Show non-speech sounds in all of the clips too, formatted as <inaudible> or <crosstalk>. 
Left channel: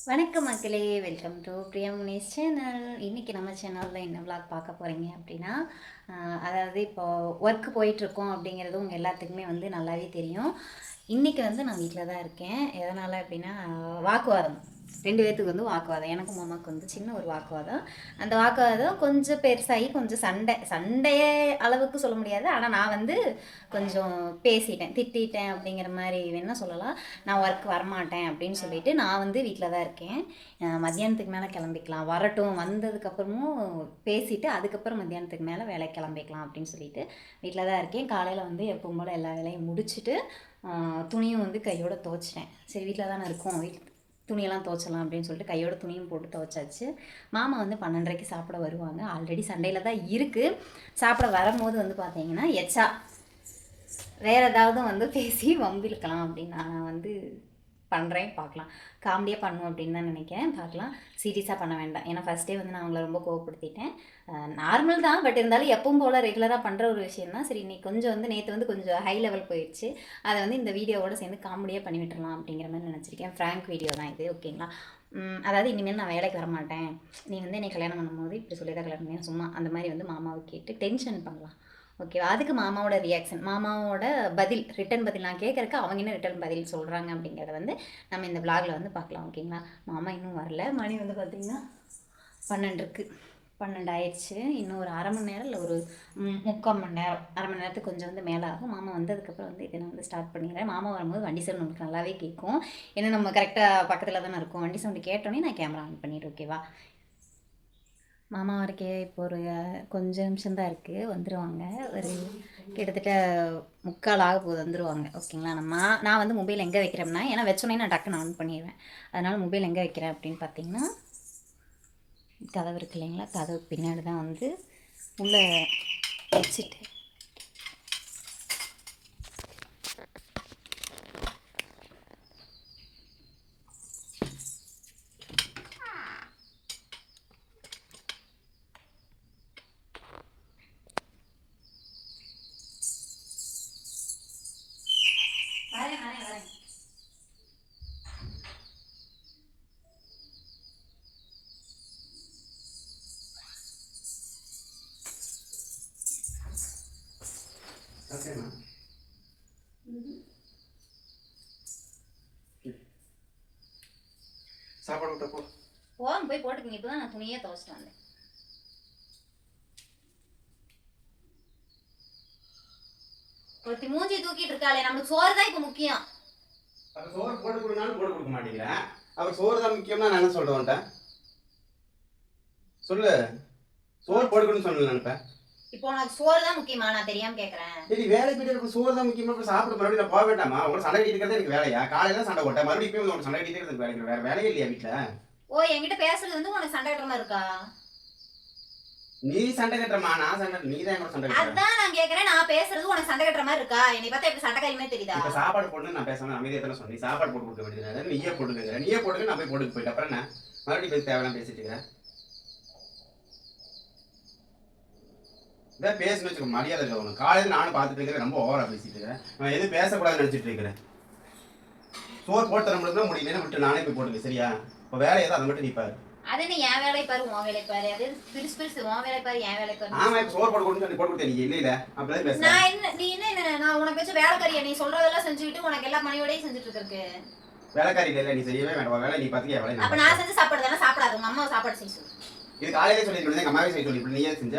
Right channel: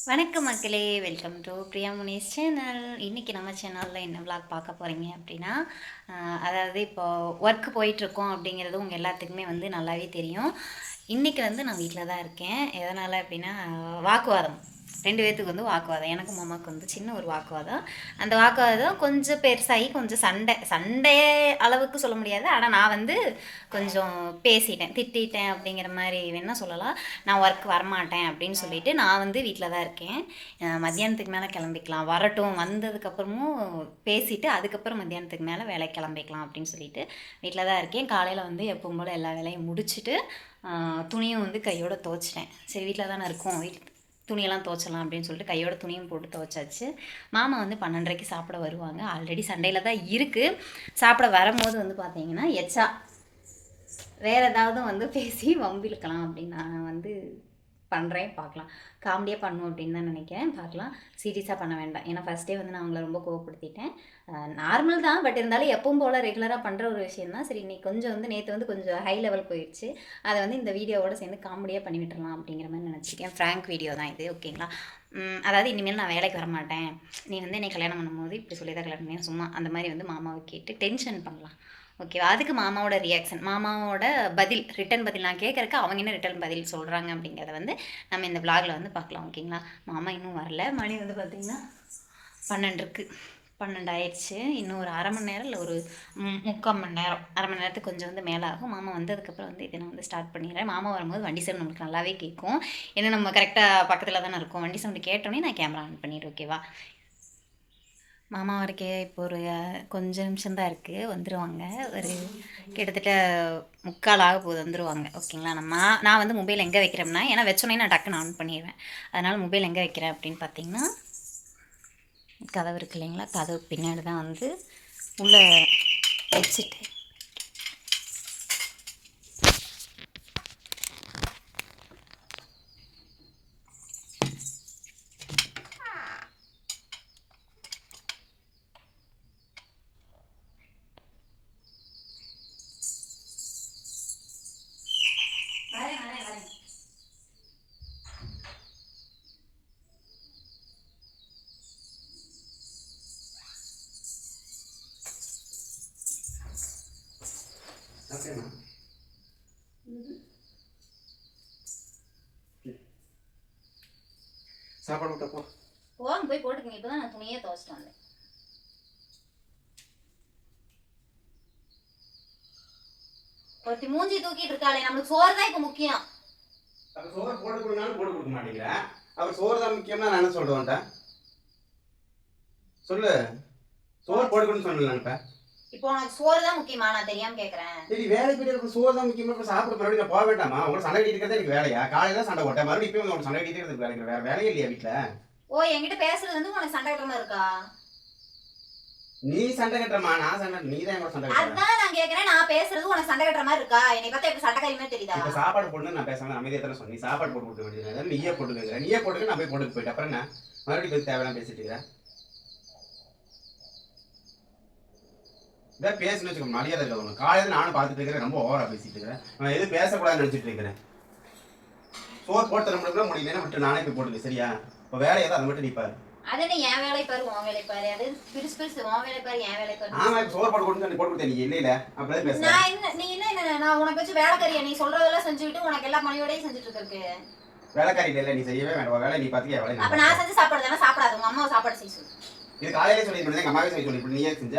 வணக்கம் மக்களே. Welcome to Priya Munis channel இன்றைக்கி நம்ம சேனலில் என்ன விளாக் பார்க்க போகிறீங்க அப்படின்னா அதாவது இப்போ ஒர்க் போயிட்டுருக்கோம் அப்படிங்கிறது உங்கள் எல்லாத்துக்குமே வந்து நல்லாவே தெரியும். இன்றைக்கி வந்து நான் வீட்டில் தான் இருக்கேன். எதனால் அப்படின்னா வாக்குவாதம். ரெண்டு பேர்த்துக்கு வந்து வாக்குவாதம். எனக்கும் மாமாவுக்கு வந்து சின்ன ஒரு வாக்குவாதம். அந்த வாக்குவாதம் கொஞ்சம் பெருசாகி கொஞ்சம் சண்டை. சண்டைய அளவுக்கு சொல்ல முடியாது. ஆனால் நான் வந்து கொஞ்சம் பேசிட்டேன். திட்டிட்டேன் அப்படிங்கிற மாதிரி வேணால் சொல்லலாம். நான் ஒர்க் வரமாட்டேன் அப்படின்னு சொல்லிட்டு நான் வந்து வீட்டில் தான் இருக்கேன். மத்தியானத்துக்கு மேலே கிளம்பிக்கலாம். வரட்டும். வந்ததுக்கப்புறமும் பேசிட்டு அதுக்கப்புறம் மத்தியானத்துக்கு மேலே வேலைக்கு கிளம்பிக்கலாம் அப்படின்னு சொல்லிட்டு வீட்டில் தான் இருக்கேன். காலையில் வந்து எப்பவும் போல் எல்லா வேலையும் முடிச்சுட்டு துணியும் வந்து கையோட துவைச்சிட்டேன். சரி வீட்டில் தானே இருக்கோம். வீட்டு துணியெல்லாம் துவைச்சலாம் அப்படின்னு சொல்லிட்டு கையோட துணியும் போட்டு துவைச்சாச்சு. மாமா வந்து பன்னெண்டரைக்கு சாப்பிட வருவாங்க. ஆல்ரெடி சண்டையில் தான் இருக்குது சாப்பிட வரும்போது வந்து பார்த்தீங்கன்னா எச்சா. வேறு ஏதாவது வந்து பேசி வம்பிழுக்கலாம் அப்படின்னு நான் வந்து பண்ணுறேன் பார்க்கலாம். காமெடியாக பண்ணும் அப்படின்னு தான் நினைக்கிறேன். பார்க்கலாம். சீரியஸாக பண்ண வேண்டாம். ஏன்னா ஃபஸ்ட்டே வந்து நான் அவங்கள ரொம்ப கோவப்படுத்திட்டேன். நார்மல் தான். பட் இருந்தாலும் எப்பவும் போல் ரெகுலராக பண்ணுற ஒரு விஷயம் தான். சரி இன்னைக்கு கொஞ்சம் வந்து நேற்று வந்து கொஞ்சம் ஹை லெவல் போயிடுச்சு அதை வந்து இந்த வீடியோவோட சேர்ந்து காமெடியாக பண்ணி விட்டுறலாம் அப்படிங்கிற மாதிரி நினச்சிருக்கேன். ஃப்ராங்க் வீடியோ தான் இது. ஓகேங்களா அதாவது இனிமேல் நான் வேலைக்கு வர மாட்டேன். நீ வந்து என்னை கல்யாணம் பண்ணும்போது இப்படி சொல்லி தான் கல்யாணம் பண்ணேன் சும்மா அந்த மாதிரி வந்து மாமாவை கேட்டு டென்ஷன் பண்ணலாம். ஓகேவா அதுக்கு மாமாவோட ரியாக்ஷன் மாமாவோட பதில் ரிட்டன் பதில் நான் கேட்குறக்கு அவங்க என்ன ரிட்டன் பதில் சொல்கிறாங்க அப்படிங்கிறத வந்து நம்ம இந்த vlogல வந்து பார்க்கலாம் ஓகேங்களா மாமா இன்னும் வரல. மணி வந்து பார்த்திங்கன்னா பன்னெண்டு இருக்குது பன்னெண்டு ஆயிடுச்சு இன்னும் ஒரு அரை மணி நேரம் இல்லை ஒரு முக்கால் மணி நேரம். அரை மணி நேரத்துக்கு கொஞ்சம் வந்து மேலே ஆகும். மாமா வந்ததுக்கப்புறம் வந்து இதை நான் வந்து ஸ்டார்ட் பண்ணிடுறேன். மாமா வரும்போது வண்டி சவுண்ட் நம்மளுக்கு நல்லாவே கேட்கும் ஏன்னா நம்ம கரெக்டாக பக்கத்தில் தானே இருக்கும். வண்டி சவுண்டு கேட்டோன்னே நான் கேமரா ஆன் பண்ணிடுறேன் ஓகேவா மாமா வரைக்கே இப்போ ஒரு கொஞ்ச நிமிஷம் தான் இருக்குது வந்துடுவாங்க ஒரு கிட்டத்தட்ட முக்கால் ஆக போகுது வந்துடுவாங்க ஓகேங்களா? நம்ம நான் வந்து மொபைல் எங்கே வைக்கிறேன்னா ஏன்னா வச்சோன்னே நான் டக்குன்னு ஆன் பண்ணிடுவேன் அதனால் மொபைல் எங்கே வைக்கிறேன் அப்படின்னு பார்த்தீங்கன்னா கதவு இருக்கு இல்லைங்களா? கதவு பின்னாடி தான் வந்து உள்ளே வச்சுட்டு சாப்பாடு விட்டப்போ போங்க போய் போட்டுக்கங்க. இப்போ தான் நான் துணியே துவைச்சிட்டு வந்தேன். ஒருத்தி மூஞ்சி தூக்கிட்டு இருக்காளே நம்மளுக்கு சோறு தான் இப்போ முக்கியம். அப்போ சோறு போட்டு கொடுங்கனாலும் போட்டு கொடுக்க மாட்டீங்க அப்போ சோறு தான் முக்கியம்னா நான் என்ன வந்துட்டேன் சொல்லு. சோறு போட்டு கொடுன்னு சொல்லல நினைப்பேன் இப்போ உனக்கு சோறு தான் முக்கியமா? நான் தெரியாம கேக்குறேன். சரி வேலை போயிட்டு சோறு தான் முக்கியமா? இப்போ சாப்பிட மறுபடியும் நான் போக வேண்டாமா? உங்களை சண்டை கட்டிட்டு எனக்கு வேலையா? காலையில சண்டை போட்டேன். மறுபடியும் இப்போ உங்களுக்கு சண்டை கட்டிட்டு இருக்கிறது வேலைக்கு வேற வேலையே இல்லையா வீட்டில் ஓ என்கிட்ட பேசுறது வந்து உனக்கு சண்டை கட்டமா இருக்கா? நீ சண்டை கட்டுறமா நான் சண்டை நீ தான் எங்களை சண்டை கட்டுற. அதான் நான் கேக்குறேன். நான் பேசுறது உனக்கு சண்டை கட்டுற மாதிரி இருக்கா? என்னை பார்த்தா எப்படி சண்டைக்காரியுமே தெரியுதா? இப்போ சாப்பாடு போட்டு நான் பேசாம அமைதியாக தானே சொன்னேன். சாப்பாடு போட்டு கொடுக்க வேண்டியது நீயே போட்டுக்கிற நீயே போட்டுக்க நான் போய் போட்டுக்கு போயிட்டு அப்புறம் என்ன? மறுபடியும் போய் தேவையான பேசிட்டு இருக்கிறேன் இதான் பேசணும் வச்சுக்கோ மரியாதை இல்லை உனக்கு. காலையில் நானும் பார்த்துட்டு இருக்கிறேன் ரொம்ப ஓவரா பேசிட்டு இருக்கிறேன். நான் எதுவும் பேசக்கூடாதுன்னு நினச்சிட்டு இருக்கிறேன். சோறு போட்டு தர முடியல முடியலன்னு விட்டு நானே போய் போட்டுக்க சரியா? இப்போ வேலை ஏதோ அதை மட்டும் நீ பாரு. அது என்ன என் வேலை பாரு உன் வேலை பாரு. அது பிரிசு பிரிசு உன் வேலை பாரு என் வேலை பாரு. ஆமா இப்போ சோறு போட்டு கொடுத்து போட்டு நீ இல்லை இல்லை அப்படியே பேசுறேன் நான் என்ன நீ என்ன என்ன நான் உனக்கு வச்சு வேலைக்காரியா? நீ சொல்றதெல்லாம் செஞ்சுக்கிட்டு உனக்கு எல்லா மணியோடய செஞ்சுட்டு இருக்கு வேலைக்காரி இல்லை நீ செய்யவே வேண்டாம். வேலை நீ பார்த்துக்க வேலை அப்ப நான் செஞ்ச சாப்பாடு தானே? சாப்பிடாது. உங்க அம்மா சாப்பாடு செய்ய சொல்லு. இது காலையிலே சொல்லி எங்க அம்மாவே செய்ய சொல்லி. இப்படி நீ ஏன் செஞ்ச?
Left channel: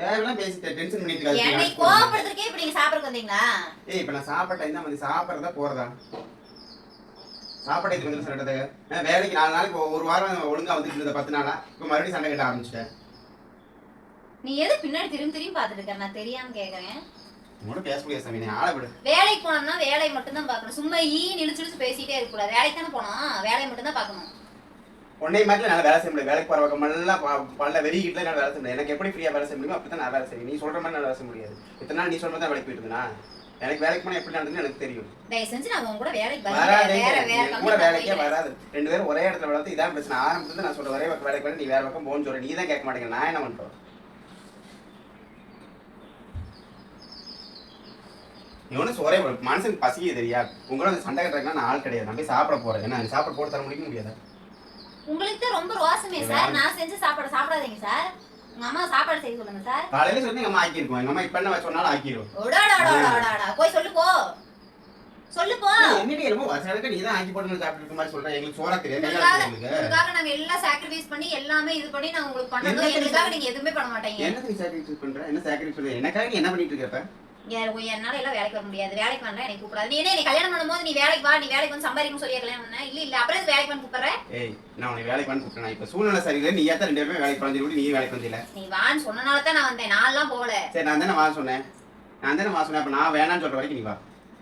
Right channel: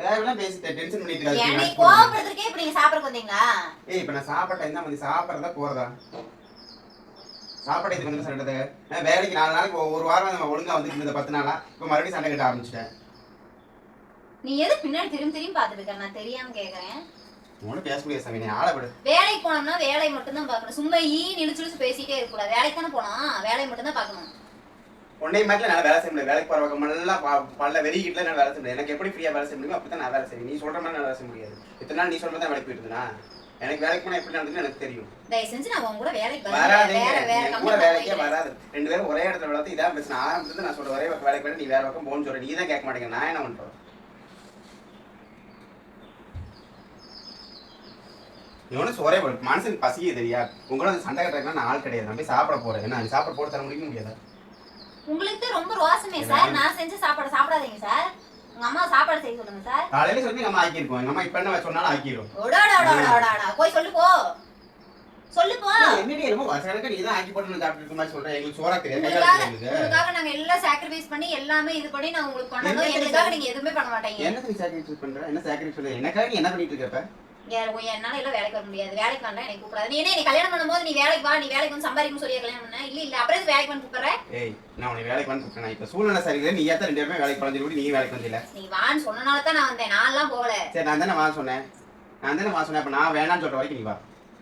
தேவையெல்லாம் பேசி டென்ஷன் பண்ணிட்டு என்னை இப்படி நீங்க சாப்பிடறதுக்கு வந்தீங்களா? ஏய் இப்ப நான் சாப்பிட்ட இந்த வந்து சாப்பிட்றதா போறதா? சாப்பாடு இது வந்து சொல்றது நான் வேலைக்கு நாலு நாளைக்கு ஒரு வாரம் ஒழுங்கா வந்துட்டு இருந்த பத்து நாளா. இப்போ மறுபடியும் சண்டை கட்ட ஆரம்பிச்சிட்டேன். நீ எது பின்னாடி திரும்பி திரும்பி பார்த்துட்டு இருக்க? நான் தெரியாம கேக்குறேன். உங்களோட பேச முடியாது சாமி நீ ஆளை விடு. வேலைக்கு போனோம்னா வேலையை மட்டும் தான் பார்க்கணும். சும்மா ஈ இழுச்சு பேசிட்டே இருக்க கூடாது வேலைக்கு தானே போனோம்? வேலையை மட்டும் தான் பார்க்கணும். உன்னை மாதிரி என்னால் வேலை செய்ய முடியாது வேலைக்கு போகிற பக்கமெல்லாம் ப- பல்ல வெறிக்கிட்டு என்னால் வேலை செய்ய முடியாது எனக்கு எப்படி ஃப்ரீயாக வேலை செய்ய முடியுமோ அப்படி தான் நான் வேலை செய்வேன். நீ சொல்கிற மாதிரி நான் வேலை செய்ய முடியாது. இத்தனை நாள் நீ சொல்ற மாதிரி தான் வேலைக்கு போயிட்டு இருந்தேனா? எனக்கு வேலைக்கு போனால் எப்படி நடந்துன்னு எனக்கு தெரியும். தயவு செஞ்சு நான் உங்க கூட வேலைக்கு வராதே. கூட வேலைக்கே வராது. ரெண்டு பேரும் ஒரே இடத்துல வளர்த்து இதான் பிரச்சனை. ஆரம்பத்துல நான் சொல்ற ஒரே பக்கம் வேலைக்கு போய் நீ வேற பக்கம் போன்னு சொல்ற. நீ தான் கேட்க மாட்டேங்க நான் என்ன பண்றேன் இவனும் சோறே போடு. மனுஷனுக்கு பசியே தெரியா உங்களோட சண்டை கட்டுறதுக்கு நான் ஆள் கிடையாது. நான் போய் சாப்பிட போறேன். என்ன நீ சாப்பிட போட்டு தர முடியும் முடியாதா? உங்களுக்கு தான் ரொம்ப ரோசமே சார். நான் செஞ்ச சாப்பாடு சாப்பிடாதீங்க சார். உங்க அம்மா சாப்பாடு செய்ய சொல்லுங்க சார். காலையில சொல்லி எங்க அம்மா ஆக்கியிருக்கோம் எங்க அம்மா இப்ப என்ன சொன்னாலும் ஓடாடாடாடாடாடா போய் சொல்லு போ. சொல்லு போ. என்னடி என்னமோ வசனுக்கு நீ தான் ஆக்கி போட்டு சாப்பிட்டு இருக்க மாதிரி சொல்றேன் எங்களுக்கு சோறா தெரியாது. உங்களுக்காக நாங்க எல்லாம் சாக்ரிஃபைஸ் பண்ணி எல்லாமே இது பண்ணி நான் உங்களுக்கு என்ன எங்களுக்காக நீங்க எதுவுமே பண்ண மாட்டீங்க. என்ன சாக்ரிஃபைஸ் பண்ற? என்ன சாக்ரிஃபைஸ் பண்ற? எனக்காக நீ என்ன பண்ணிட்டு இருக்க என்னால எல்லாம் வேலைக்கு வர முடியாது. வேலைக்கு வரலாம் எனக்கு கூப்பிடாது. நீ என்ன நீ கல்யாணம் பண்ணும்போது நீ வேலைக்கு வா நீ வேலைக்கு வந்து சம்பாதிக்கணும் சொல்லியா கல்யாணம் பண்ண? இல்ல இல்ல. அப்புறம் வேலைக்கு வந்து கூப்பிடுற? ஏய் நான் உனக்கு வேலைக்கு வந்து கூப்பிட்டேன். இப்ப சூழ்நிலை சரியில்லை. நீ ஏத்த ரெண்டு பேருமே வேலைக்கு குறைஞ்சி நீ வேலைக்கு வந்தில? நீ வான்னு சொன்னனால தான் நான் வந்தேன். நான்லாம் போகல. சரி நான் தானே வா சொன்னேன். நான் தானே வா சொன்னேன். அப்ப நான் வேணாம்னு சொல்ற வரைக்கும் நீ வா.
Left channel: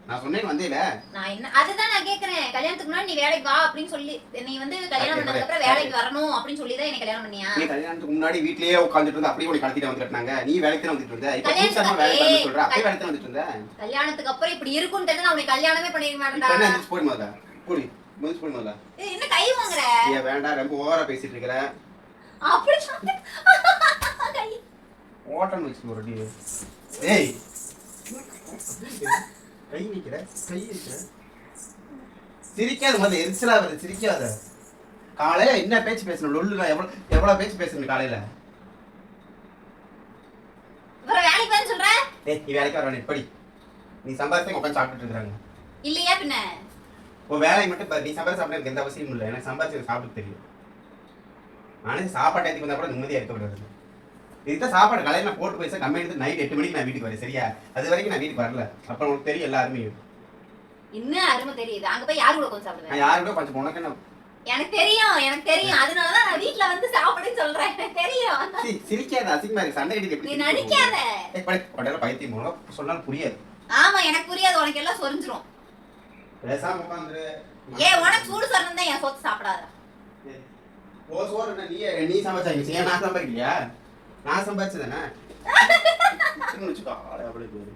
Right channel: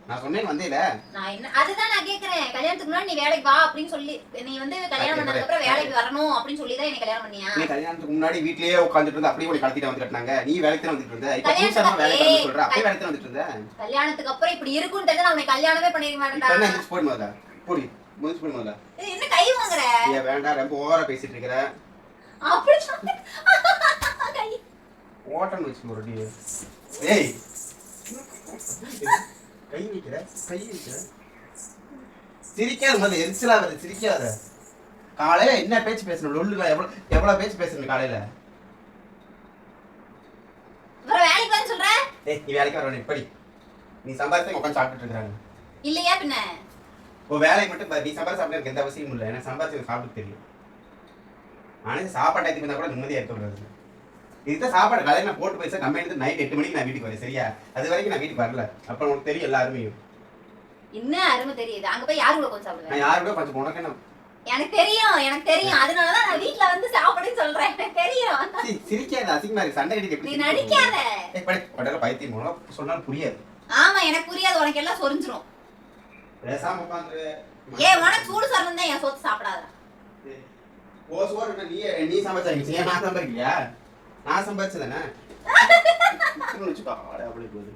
நான் சொன்னேன் வந்தேல. நான் என்ன அதுதான் நான் கேக்குறேன். கல்யாணத்துக்கு முன்னாடி நீ வேலைக்கு வா அப்படின்னு சொல்லி நீ வந்து கல்யாணம் பண்ணதுக்கு அப்புறம் வேலைக்கு வரணும் அப்படின்னு சொல்லி தான் என்ன கல்யாணம் பண்ணியா? நீ கல்யாணத்துக்கு முன்னாடி வீட்லயே உட்காந்துட்டு இருந்த அப்படியே உனக்கு கடத்திட்டு வந்து கட்டினாங்க. நீ வேலைக்கு தான் வந்துட்டு இருந்த? இப்ப வேலைக்கு வந்து சொல்ற. அப்படியே வேலைக்கு தான் வந்துட்டு இருந்த? கல்யாணத்துக்கு அப்புறம் இப்படி இருக்கும்னு தெரிஞ்சு நான் உனக்கு கல்யாணமே என்ன மாட்டேன்டா. எந்திரிச்சு போய் முதல்ல. போடி முடிச்சு போய் முதல்ல. என்ன கை வாங்குற? ஏன் வேண்டாம் ரொம்ப ஓவரா பேசிட்டு இருக்கிற. அப்படி சொன்ன <laughs> கை ஓட்டம் வச்சு அடி. ஏய். கை வைக்கிற கை வைக்கிற சிரிக்காத முதல்ல எரிச்சலா வருது சிரிக்காத. காலையில என்ன பேச்சு பேசணும்? லொல்லுல எவ்வளவு எவ்வளவு பேச்சு பேசணும் காலையில வேலைக்கு வான்னு சொல்ற? ஏய் நீ வேலைக்கு வர வேணும் படி நீ சம்பாதித்து உட்காந்து சாப்பிட்டுட்டு இருக்காங்க. இல்லையா பின்ன? உன் மட்டும். நீ சம்பாதிச்சு சாப்பிட எனக்கு எந்த அவசியமும் இல்லை. எனக்கு சம்பாதிச்சு சாப்பிட்டு தெரியும். ஆனால் சாப்பாடு டைத்துக்கு வந்தா கூட நிம்மதியா இருக்க கூடாது இதுதான் சாப்பாடு காலையில நான் போட்டு போய் கம்பெனி நைட் எட்டு மணிக்கு நான் வீட்டுக்கு வரேன் சரியா? அது வரைக்கும் நான் வீட்டுக்கு வரல. அப்புறம் உனக்கு தெரியும் எல்லா அருமையும். இன்னும் அருமை தெரியுது? அங்க போய் யாரு கூட கொஞ்சம் சாப்பிடுவேன்? நான் யாரு கூட கொஞ்சம் உனக்கு என்ன? எனக்கு தெரியும் எனக்கு தெரியும். அதனாலதான் நான் வீட்ல வந்து சாப்பிடுன்னு சொல்றேன். எனக்கு தெரியும். சி, சிரிக்காத அசிங்கமா இருக்கு சண்டை கட்டி எப்படி நீ நடிக்காத? ஏய், படி படல பைத்தியம் மூலம் சொன்னாலும் புரியாது. ஆமா எனக்கு புரியாது. உனக்கு எல்லாம் சொரிஞ்சிரும். பேசாம உட்காந்து ஏ உனக்கு சூடு சொரணம் தான் என் சொத்து சாப்பிடாத. ஓ சோறு நீ நீ சம்பாதிச்சா ஏன் நான் சம்பாதிக்கலையா? நான் சம்பாதிச்சதானே? அப்படியே போகுது.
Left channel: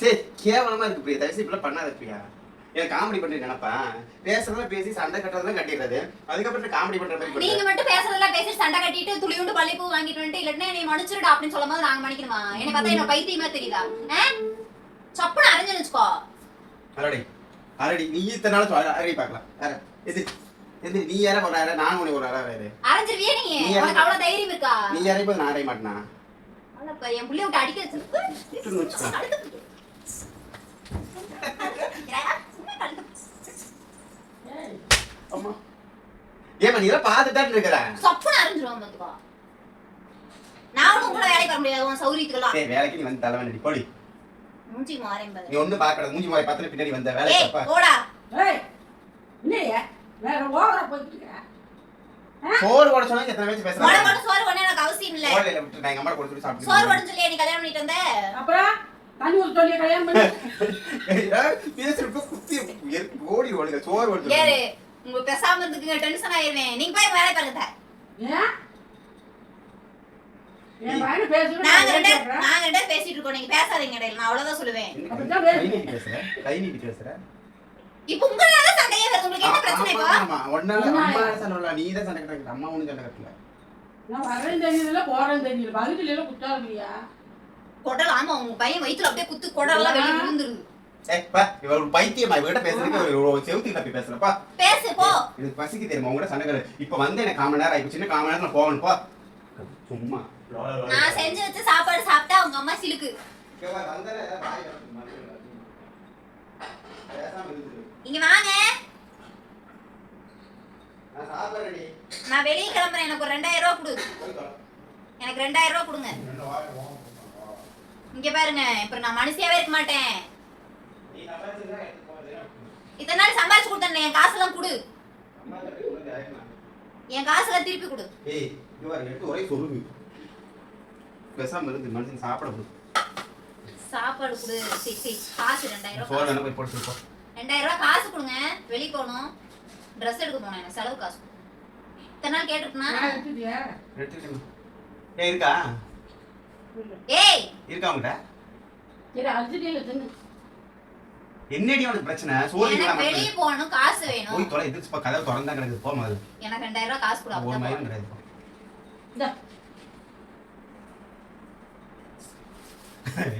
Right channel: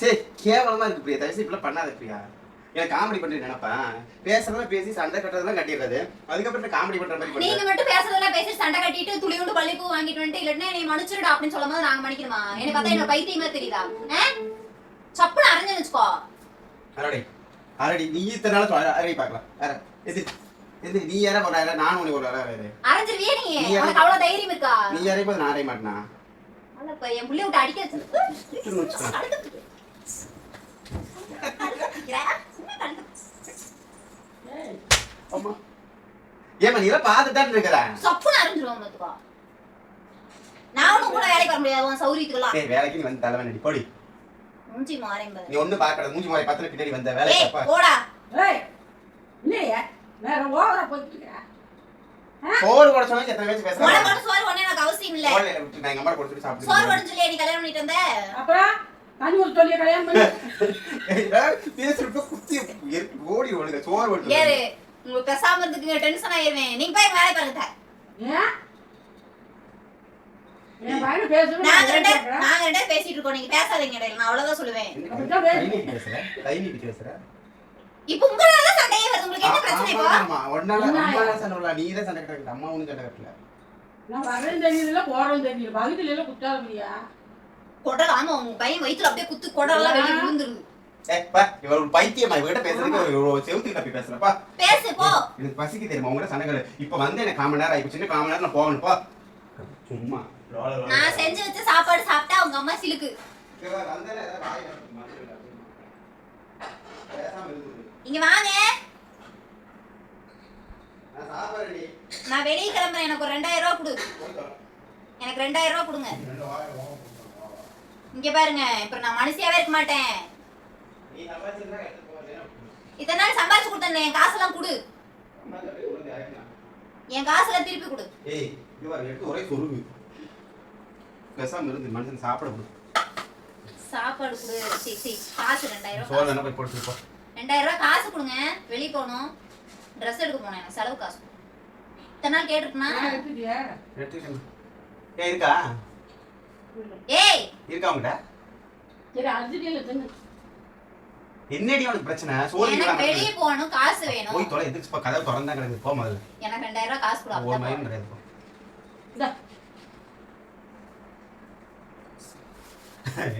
சரி கேவலமா இருக்கு பிரியா. தயவுசெய்து இப்படிலாம் பண்ணாத பிரியா. எனக்கு காமெடி பண்ணிட்டு நினைப்பேன் பேசுறதெல்லாம் பேசி சண்டை கட்டுறதெல்லாம் கட்டிடுறது. அதுக்கப்புறம் காமெடி பண்ற மாதிரி நீங்க மட்டும் பேசுறதெல்லாம் பேசி சண்டை கட்டிட்டு துளியுண்டு பள்ளிப்பூ வாங்கிட்டு வந்துட்டு இல்லன்னா நீ மன்னிச்சிருடா அப்படின்னு சொல்லும் போது நாங்க மன்னிக்கணுமா? எனக்கு பார்த்தா என்ன பைத்தியமா தெரியுதா? சப்புன்னு அரைஞ்சு வச்சுக்கோ. அரடி அரடி நீ இத்தனை நாள் அரடி பார்க்கலாம். அர எது எது நீ யார ஒரு அரை நான் உனக்கு ஒரு அரை அரை அரைஞ்சிருவியா நீ? நீ உனக்கு அவ்வளவு தைரியம் இருக்கா? நீ யாரையும் போது நான் அறைய மாட்டேனா? இப்ப என் புள்ளைய விட்டு அடிக்க சுட்டுன்னு வச்சுக்கோ. வச்சு அம்மா. ஏமா நீ எல்லாம் பார்த்துட்டு தான் இருக்கிற? சப்புன்னு அரைஞ்சிருவோம் பாத்துக்கோ. நான் ஒண்ணும் கூட வேலைக்கு வர முடியாது உன் சௌரியத்துக்கெல்லாம். ஏய் வேலைக்கு நீ வந்து தலைவன் அடி போடி. மூஞ்சி மாறேன் நீ ஒண்ணு மூஞ்சி பின்னாடி வந்த வேலை ஏய் தப்பா போடா. ஏய் இல்லையே வேற ஓவரா போயிட்டு இருக்கிறேன் சோறு கூட சொன்னா எத்தனை பேச்சு மொளை பேசுறாங்க மொளை சோறு ஒண்ணு எனக்கு அவசியம் இல்ல. சோறு விட்டு நான் எங்க அம்மா கொடுத்துட்டு சோறு சாப்பிட்டு பண்ணு சொல்லியா நீ கல்யாணம் பண்ணிட்டு வந்த? அப்புறம் தண்ணி ஊற்றி சொல்லி கல்யாணம் பண்ணி. பேசுறப்ப குத்தி எரிப்பு ஓடி ஓடுங்க சோறு ஏறு உங்களுக்கு பேசாம இருந்துக்குங்க டென்ஷன் ஆயிருவேன். நீங்க போய் வேலை பாருங்க ஏன்? நாங்க ரெண்டு பேசிட்டு இருக்கோம். நீங்க பேசாதீங்க இடையில. நான் அவ்வளவுதான் சொல்லுவேன். இப்போ உங்களால சண்டையே வருது. உங்களுக்கு என்ன பிரச்சனை இப்போ? ஆமா, ஆமா. ஒன்னால அம்மா சண்டை விடல, நீ தான் சண்டை கட்டுற அம்மா ஒண்ணும் சண்டை கட்டல. நான் வரேன் தெரியல போறேன் தெரியல குடல் ஆமா உங்க பையன் வயித்துல அப்படியே குத்து குடல்லாம் வெளியே விழுந்துருது. ஏய், பா, இவ ஒரு பைத்தியமா? இவகிட்ட பேசுறதுக்கு ஒரு- ஒரு செவுத்தி தப்பி பேசுறப்பா பேசு போ. எனக்கு பசிக்கு தெரியுமா? உங்ககிட்ட சண்டை இப்ப வந்து எனக்கு காமன் நேரம் ஆயிடுச்சு இன்னும் காமன் நேரம் நான் போகணும். பா. சும்மா. நான் செஞ்சு வச்ச சாப்பாடு சாப்பிட்டா அவங்க அம்மா சிலுக்கு. இங்க வாங்க. நான் வெளியே கிளம்புறேன். எனக்கு ஒரு ரெண்டாயிரம் ரூபா கொடு. எனக்கு ரெண்டாயிரம் ரூபா கொடுங்க. இங்க பாருங்க. இப்ப நான் மனுஷியாவே இருக்க மாட்டேன். இத்தனை நாள் சம்பாரிச்சு கொடுத்தேன் என் காசெல்லாம் கொடு. என் காசெல்லாம் திருப்பி கொடு. ஏய் இது பாரு, எடுத்து ஒரே சொருகு. பேசாம இருந்து மனுஷன் சாப்பிட கொடு. சாப்பாடு கொடு. சரி சரி காசு ரெண்டாயிரம் போய் போட்டு ரெண்டாயிரம் ரூபாய் காசு கொடுங்க. வெளியே போகணும். ட்ரெஸ் எடுக்க போனேன். எனக்கு செலவு காசு. இத்தனை நாள் கேட்டிருக்குனா ஏய் இருக்கா? ஏய்! இருக்கா தின்னு. என்னடி உனக்கு பிரச்சனை? சோறு எனக்கு இல்லாம வெளியே போகணும். காசு வேணும். போய் தொலை போ கதவு திறந்தா கிடக்குது போ முதல்ல எனக்கு ரெண்டாயிரம் ரூபாய் காசு கொடு. அப்பதான் மயம். கிடையாது.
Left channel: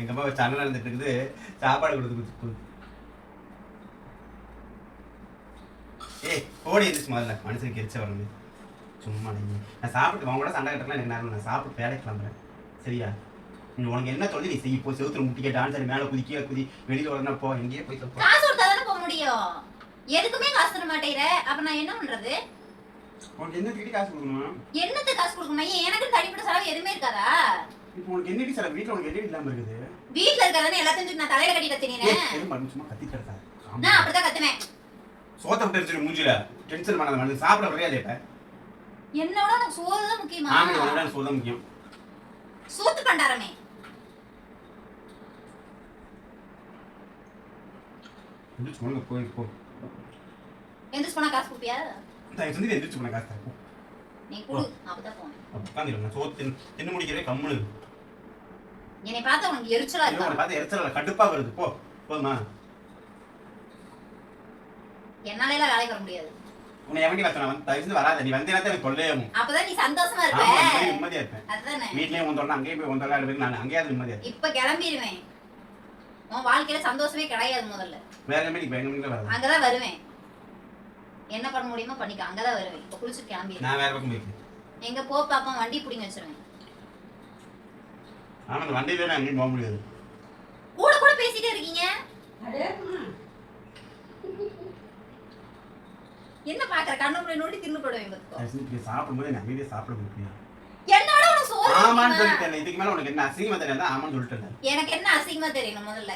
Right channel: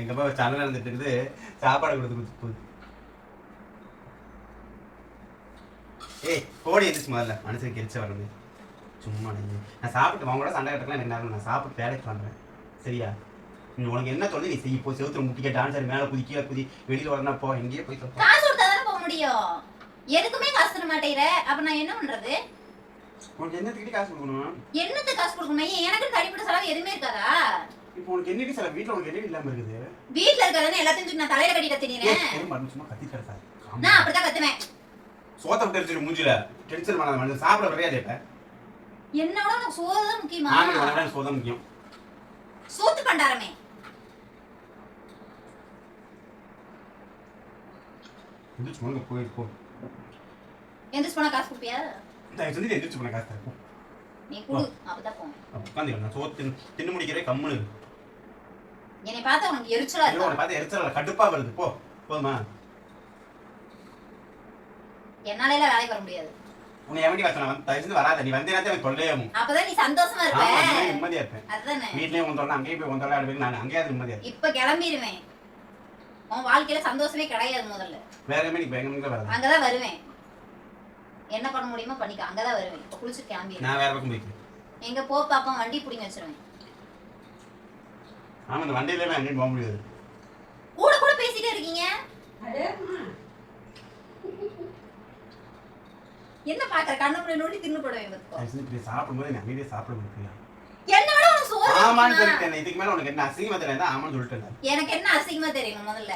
எங்க அம்மா சண்டை நடந்துட்டு இருக்குது. சாப்பாடு கொடுத்து கொடுத்து. ஏய் ஓடி எந்திரிச்சு முதல்ல. மனுஷனுக்கு எரிச்ச வரணும் சும்மா நீ நான் சாப்பிட்டு அவங்க கூட சண்டை கட்டலாம் எனக்கு நேரம் நான் சாப்பிட்டு வேலைக்கு கிளம்புறேன். சரியா? நீ உனக்கு என்ன சொல்லி நீ செய் இப்போ செவுத்துல முட்டிக்க டான்ஸ் மேலே குதிக்க குதி வெளியில வரணும் போ எங்கேயே போய் தப்போ காசு கொடுத்தா தானே போக முடியும்? எதுக்குமே காசு தர மாட்டேங்கிற. அப்ப நான் என்ன பண்றது? உனக்கு என்ன திட்டி காசு கொடுக்கணும் என்னத்துக்கு காசு கொடுக்கணும்? எனக்கு தனிப்பட்ட செலவு எதுவுமே இருக்காதா? இப்போ உனக்கு என்னடி சில வீட்டில் உனக்கு என்ன இல்லாமல் இருக்குது? வீட்ல இருக்கிறதானே எல்லாத்தையும் தூக்கி நான் தலையில கட்டிட்டு தினேன் சும்மா கத்திட்டு இருக்காது நான் அப்படிதான் கத்துவேன். சோத்த விட்டு அடிச்சிரு மூஞ்சில டென்ஷன் பண்ணாத மனுஷன். சாப்பிட கிடையாது இப்ப? என்னோட எனக்கு சோறு தான் முக்கியமா? ஆமாம் உனக்கு சோதம் முக்கியம். சூத்து பண்டாரமே. எந்திரிச்சு போங்க போய் போ. எந்திரிச்சு போனா காசு கொடுப்பியா? தயவு செஞ்சு எந்திரிச்சு போன காசு தரப்போ நீ குடு அப்பதான் போவேன். உட்காந்துருக்கேன் சோத்து தின்னு முடிக்கிறே கம்முனு. என்னை பார்த்தா உனக்கு எரிச்சலா இருக்கா? உன்னை பார்த்து எரிச்சல கடுப்பா வருது. போ போதுமா என்னால எல்லாம் வேலைக்கு வர முடியாது. உன்னை எவண்டி வர சொன்னா தயவு செஞ்சு வராத. நீ வந்தேன்னா எனக்கு தொல்லையாகும் அப்பதான் நீ சந்தோஷமா இருப்ப. நிம்மதியா இருப்பேன். அதுதானே. வீட்லயே உன் தொல்லை அங்கேயும் போய் உன் தொல்லை இருக்கு நான் அங்கேயாவது நிம்மதியா இருப்பேன். இப்ப கிளம்பிடுவேன். உன் வாழ்க்கையில சந்தோஷமே கிடையாது முதல்ல. வேற எங்கே இப்போ எங்க வராது. அங்கதான் வருவேன். என்ன பண்ண முடியுமோ பண்ணிக்க. அங்கதான் வருவேன். இப்ப குளிச்சு கிளம்பிடுவேன் நான் வேற பக்கம் போய்க்கிறேன். எங்க போ பாப்பா வண்டி பிடிங்க வச்சிருவேன். ஆமா இந்த வண்டியில நான் எங்கேயும் போக முடியாது. கூட கூட பேசிட்டே இருக்கீங்க. அடேம்மா. என்ன பாக்குற? கண்ணு முடி நோண்டி தின்னு போடுவேன் இப்படி சாப்பிடும்போது அமைதியாக சாப்பிட முடியும் என்னோட உனக்கு சோறு ஆமான்னு தெரியுமா? சொல்லிட்டேன் இதுக்கு மேல உனக்கு என்ன அசிங்கமா தெரியல ஆமான்னு சொல்லிட்டேன் எனக்கு என்ன அசிங்கமா தெரியணும் முதல்ல.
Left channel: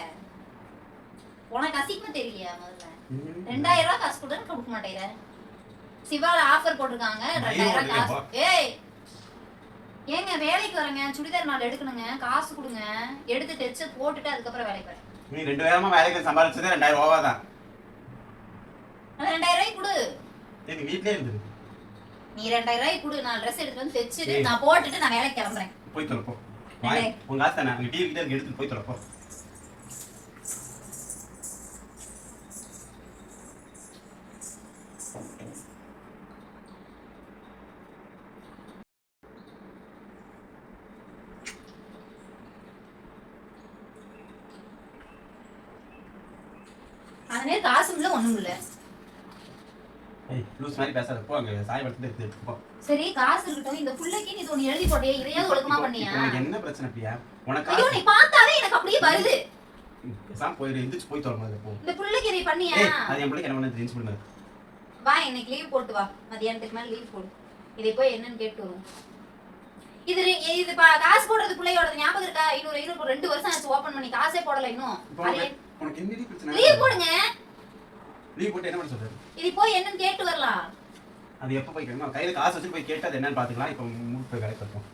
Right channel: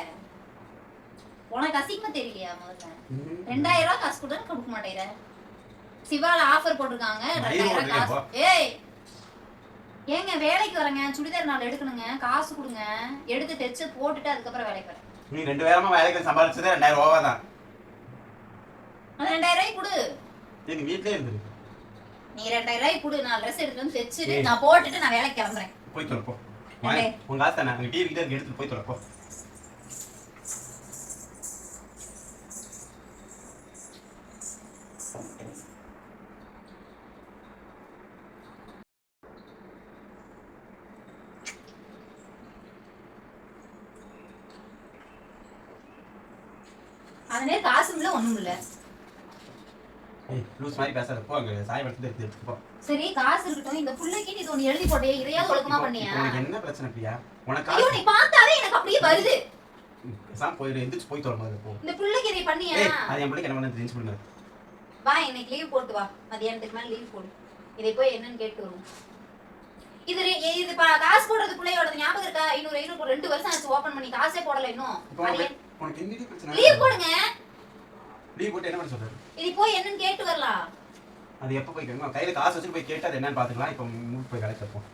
உனக்கு அசிங்கமா தெரியலையா முதல்ல? ரெண்டாயிரம் ரூபாய் காசு கொடுன்னு கொடுக்க மாட்டேங்கிற. சிவால ஆஃபர் போட்டிருக்காங்க. ரெண்டாயிரம் காசு. ஏய் ஏங்க வேலைக்கு வரேங்க. சுடிதார் நாள் எடுக்கணுங்க. காசு கொடுங்க. எடுத்து தைச்சு போட்டுட்டு அதுக்கப்புறம் வேலைக்கு வரேன். நீ ரெண்டு வேலைக்கு சம்பாதிச்சதே ரெண்டாயிரம் ரூபா தான். ரெண்டாயிரம் ரூபாய் கொடு. எங்க வீட்லயே இருந்தது நீ ரெண்டாயிரம் ரூபாய் கொடு நான் ட்ரெஸ் எடுத்து வந்து தைச்சுட்டு. நான் போட்டுட்டு நான் வேலைக்கு கிளம்புறேன். போய் தொலைப்போ. உங்க ஆஸ்தா நான் டிவி எடுத்துட்டு போய் தொலைப்போ அந்த நேரம் காசு இல்லை ஒண்ணும் இல்லை ஏய் லூஸ் மாதிரி பேசாத போ அங்க சாய் போ. சரி காசு இருக்கட்டும் இந்த புள்ளைக்கு நீ ஒண்ணு எழுதி போட்டியா இதையாவது ஒழுக்கமா பண்ணியா? உனக்கு என்ன பிரச்சனை பிரியா? உனக்கு ஐயோ காசு நீ பார்த்தாலே எனக்கு அப்படியே வருது. எந்திரிச்சு போய் போ. இந்த புள்ளைக்கு இதை பண்ணியா? ஏய் அது என் பிள்ளைக்கு என்ன பண்ண தெரிஞ்சு பண்ணுங்க வா இன்னைக்கு லீவ் போட்டு வா. மதியானத்துக்கு மேல லீவ் போடு. இதை போய் என்னன்னு கேட்டு வருவோம். இது காசு போடுறது பிள்ளையோட ஞாபகம் இருக்கா? ஐநூறு ஐநூறு ரெண்டு வருஷம் ஆச்சு ஓபன் பண்ணி. காசே போடல இன்னும். லீவ் போடுங்க. லீவ் போட்டு என்ன பண்ண சொல்றது? இது போய் என்னன்னு கேட்டு வரலாம். அது எப்போ போய் கேட்கணும் கையில காசு வச்சுட்டு போய் கேட்டு அது என்னன்னு பாத்துக்கலாம். இப்போ மூணு போய் வைப்போம்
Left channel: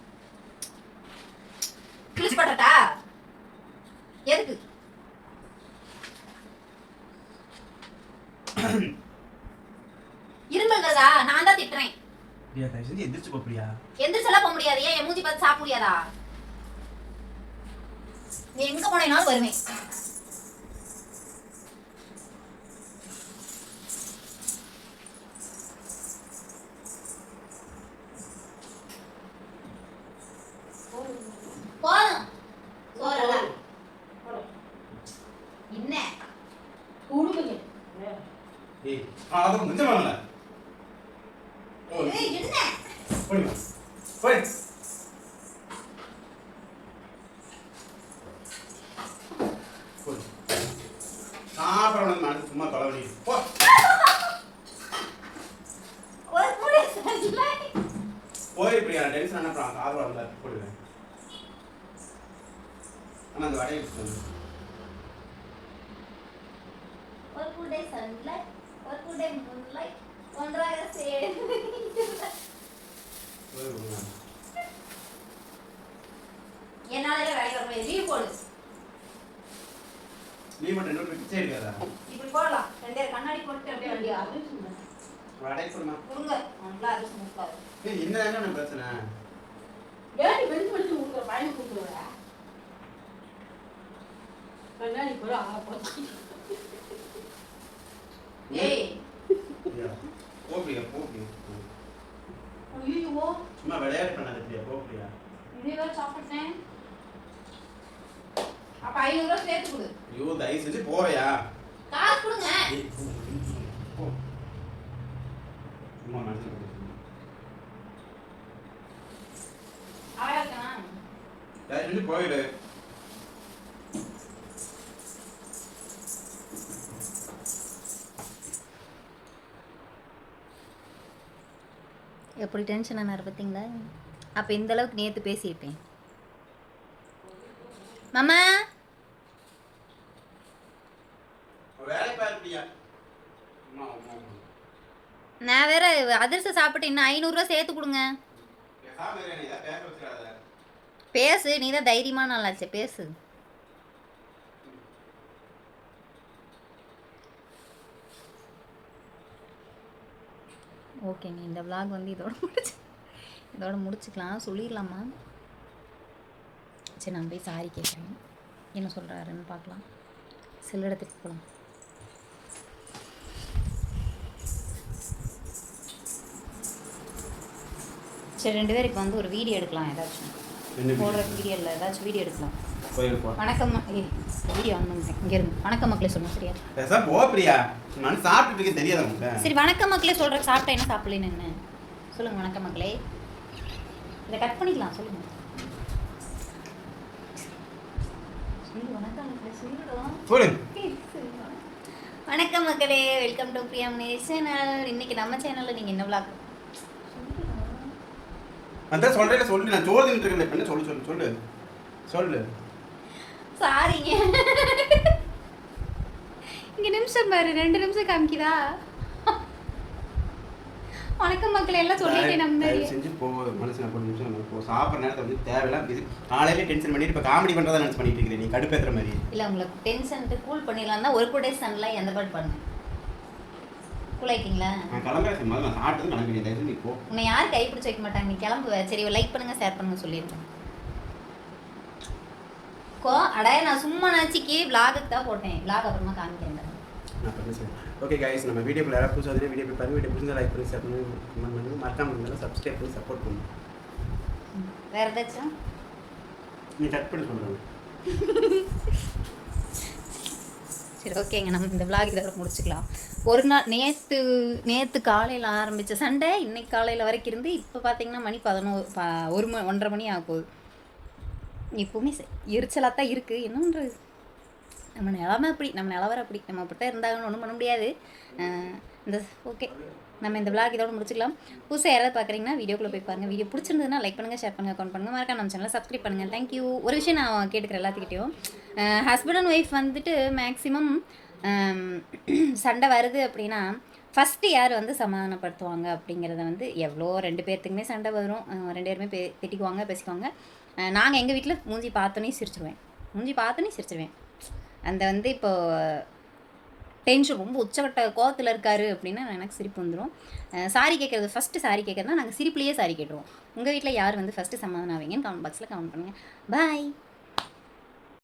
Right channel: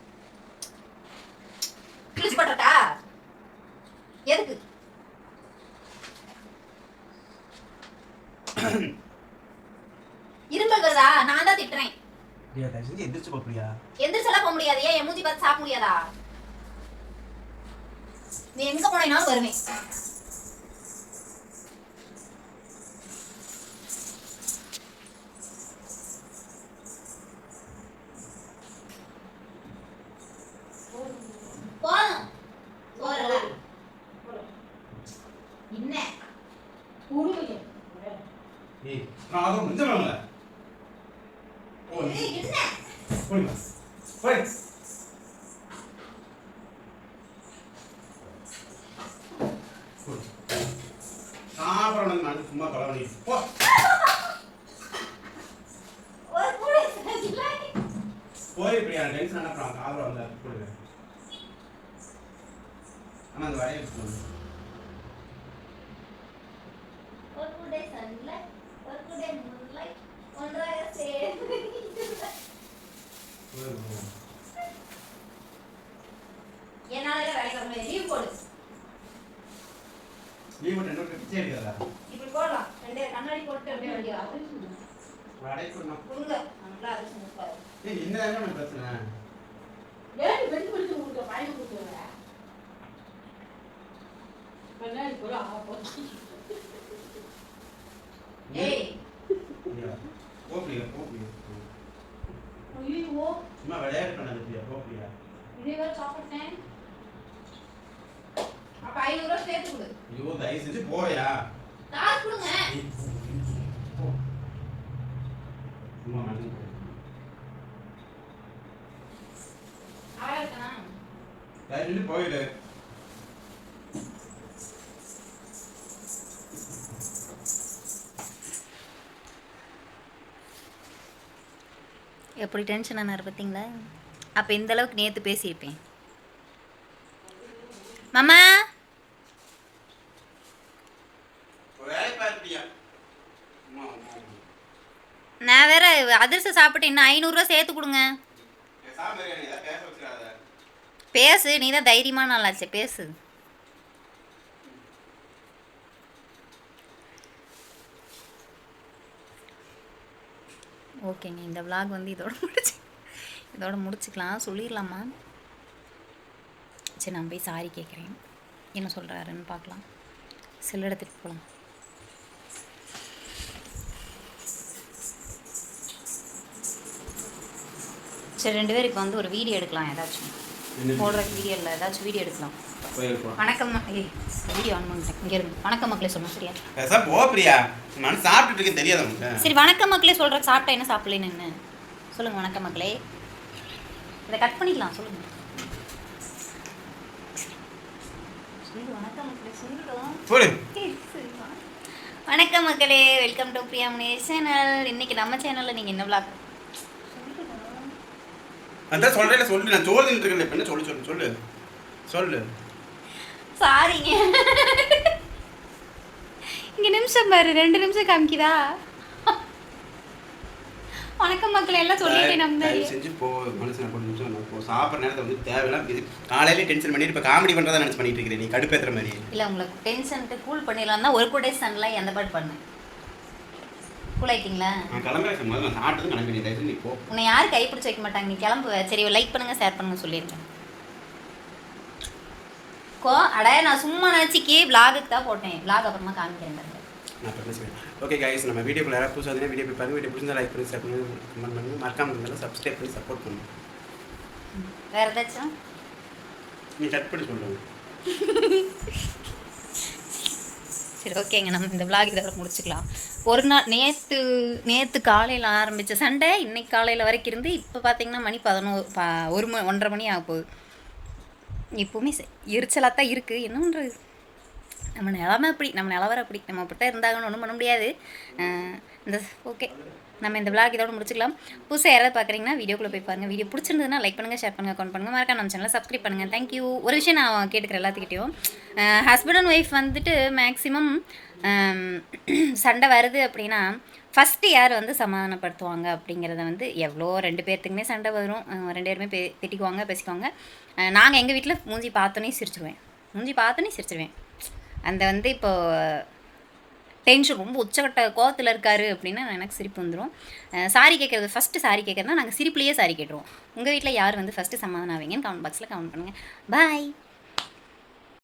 கிழிச்சு போட்டா எதுக்கு? இருமல் வருதா நான் தான் திட்டுறேன். எந்திரிச்சு போ பிரியா. எந்திரிச்செல்லாம் போக முடியாது. ஏன் மூஞ்சி பார்த்து சாப்பிட முடியாதா? நீ எங்க போனேனாலும் வருவேன் போதும் சோறல என்ன கொடுங்க. ஏய் அது முடிஞ்ச வேணும்ல ஏய், என்ன போய் போய் சாப்பிடணும் மனசு சும்மா தொலைவணி போ ஒரு மூணு செஞ்சல போய் பிரியா டென்ஷன் என்ன அப்புறம் சாப்பிட வந்தா போடுவேன் ஆனா அந்த வடையை சொல்லு ஒரு குடை சன்லைட் ஒரு குடை மூன்லைட் ஒன்றாக சேர்ந்து என்னால வேலைக்கு வர முடியாது லீவ் போடு. மட்டும் எடுக்காதா இப்படி போடலாம். ரெண்டு கண்ணாடி போட்டு அப்படியே வண்டியா அது சொல்லுங்க. வடை. கொடுமா கொடுங்க. நல்லா அரிசி முக்காது ஏய் இந்த என்ன பிரச்சனை? வேண்டி வெடி வெடிச்சு கொடுக்குற. கண்ணாடி போட ஆ போச்சு. ஏய் பிரியா போ பிரியா போ பிரியா போ. ஐயோ சும்மா விளையாட்டு பண்ணாத பிரியா போ பிரியா இப்படி வேற சாப்பிட்டேன் ஐநூறு ரூபா சேர்த்து கொடு ஐயோ தயவு செஞ்சு போறியா? காசு கொடுங்க. தயவு செஞ்சு போயிடு எப்படி டென்ஷன் ஆனார் பார்த்தீங்களா? அப்போ இந்த அளவுக்கு நேற்று பேசியிருப்பேன். மாமா வேலை பார்ப்பியா அம்மா அம்மா நான் வேற அதிர்ஷ்டம் சாப்பிட்டு இன்னும் ஐநூறுரூவா சேர்த்து கொடுங்க. பேசு நீ தான் தைரியமான நல்லாச்சே பேசு. ஓகேங்க இந்த vlog வந்து இதோட முடிச்சு இதோட முடிச்சுக்கலாம். சொல்லிடலாமா? சரி நான் போய் சாரி கேட்குறேன் என்ன சொல்கிறாருன்னு பார்க்கலாம். செல் எடுத்துகிட்டு போகலாம் சரி ரெண்டு இப்போ வந்து ஒரு வீடியோ எடுக்கலாம் ஏதாச்சும். போடுற வீடியோ? இல்லை ஏதாச்சும் வீடியோ எடுக்கலாம். வணக்கம் வீடியோ ஆன் பண்ணிட்டேன் இங்கே இருந்து வணக்கம் மக்களே சொல்லணும் சரியா? போ பிரியா. மனசு சாப்பிட்டுட்டு இருக்கேன் தெரியாது சரி வணக்கம் மக்களே சொல்கிறேன் சாப்பிட்டா என்ன சாப்பிடலன்னு என்ன? சொல்லுங்கள் வணக்கம் மக்களே. இதை கட் பண்ணிக்கலாம் சொல்லுங்கள் சொல்லு வணக்கம் மக்களே வெல்கம் டு பிரியா சேனல் இன்னைக்கு நம்ம சேனலில் நீங்கள் என்ன vlog அதான் சொல்றேன் சொல்லு நான் சோதின்னு இருக்கேன் இப்ப என்ன சொல்லு சொல்லு சொல்லு. சொல்லு. சாரிங்க இங்கே நிமிஷம் பாரு ரெண்டு நிமிஷம் காமிக்குதா? வணக்கம் மக்களே எல்லாம் சொல்லிட்டேன் நம்ம. செஞ்சு போ மனசு போட்டு நிமிஷம் நான் போ சாப்பிட்ற நேரத்தை வந்து தேவையில்லாம் இது காலையில டென்ஷன் பண்ணிட்டு இப்போ காமெடி பண்ணுறதா நினச்சி பண்ணிட்டு இருக்கிறேன் நீ கடுப்பேத்துற மாதிரி. இல்லை உங்களுக்கு டென்ஷன்ட்டு கூல் பண்ணிடலாம் தான் ஒரு கூட சன்லாம் எந்த பாட்டு பண்ணேன் கூல் ஆயிட்டீங்களா நான் கிளம்புறேன் முதல்ல நான் சாப்பிட்டது கிளம்பி தயவு நீ போ. உன்னை யார் கைப்பிடிச்சு வைக்க மாட்டாங்க. நீ கிளம்பு சரி லைக் பண்ணுங்க ஷேர் பண்ணுங்க சொல்லியிருக்கேன். கோ அட நான் சும்மா நினச்சிக்கு விலாகுக்கு தான் போட்டேன். விலாக் அப்புறமா காமிக்கிறேன் ஓகே கைஸ் நம்ம வீடியோக்குள்ள யாராவது புதுசாக வீடியோ போய் பாருங்க வீடியோ பிடிச்சா லைக் பண்ணி ஷேர் பண்ணி கமெண்ட் பண்ணுங்க மறக்காம இருந்தாலும் சப்ஸ்கிரைப் பண்ணி சப்போர்ட் பண்ணுங்க. வேற ஏதாச்சும்? நீ கட் பண்ணி சொல்லுங்க <laughs> சரி ஓகேங்க. நம்ம இந்த விளாக் இதோட முடிச்சுக்கலாம். ஒரு நாள் நேற்று நேற்று காலையில் ஆரம்பித்த சண்டை இன்னைக்கு காலையில் வரைக்கும் இருந்து இப்போ பார்த்தீங்கன்னா மணி பதினோரு பா ஒரு மணி ஒன்றரை மணி ஆக போகுது. இப்போவுமே எரிச்சலாக தான் இருக்குது என்ன பண்ணுறது நம்ம நிலமை அப்படி நம்ம நிலவரம் அப்படி. நம்ம அப்படித்தான் இருந்தாங்கன்னு ஒன்றும் பண்ண முடியாது. இந்த ஓகே. நம்ம இந்த விளாக் இதோட முடிச்சுக்கலாம். புதுசாக யாராவது பார்க்குறீங்கன்னா வீடியோக்குள்ளே போய் பாருங்கள் வீடியோ பிடிச்சிருந்ததுன்னா லைக் பண்ணுங்கள் ஷேர் பண்ணுங்கள் கமெண்ட் பண்ணுங்கள் மறக்காம நம்ம சேனலை சப்ஸ்கிரைப் பண்ணுங்கள் தேங்க்யூ ஒரு விஷயம் நான் கேட்டுக்கிறேன் எல்லாத்துக்கிட்டையும். ஹஸ்பண்ட் அண்ட் ஒய்ஃப் வந்துட்டு மேக்ஸிமம் சண்டை வருது அப்படின்னா ஃபஸ்ட்டு யார் வந்து சமாதானப்படுத்துவாங்க அப்படிங்கிறத வந்து எவ்வளோ ரெண்டு பேர்த்துக்குமே சண்டை வரும். ரெண்டு பேருமே பே திட்டிக்குவாங்க பேசிக்குவாங்க. நாங்கள் எங்கள் வீட்டில் மூஞ்சி பார்த்தோன்னே சிரிச்சிருவேன். மூஞ்சி பார்த்தோன்னே சிரிச்சிருவேன். அந்த வந்து இப்போது டென்ஷன் ரொம்ப உச்சக்கட்ட கோவத்தில் இருக்காரு அப்படின்னா எனக்கு சிரிப்பு வந்துடும் சாரி கேட்குறது ஃபஸ்ட்டு சாரி கேட்குறதுனா நாங்கள் சிரிப்புலேயே சாரி கேட்டுருவோம். உங்கள் வீட்டில் யார் வந்து ஃபஸ்ட்டு சமாதானம் ஆவீங்கன்னு கமெண்ட் பாக்ஸில் கமெண்ட் பண்ணுங்கள் பாய்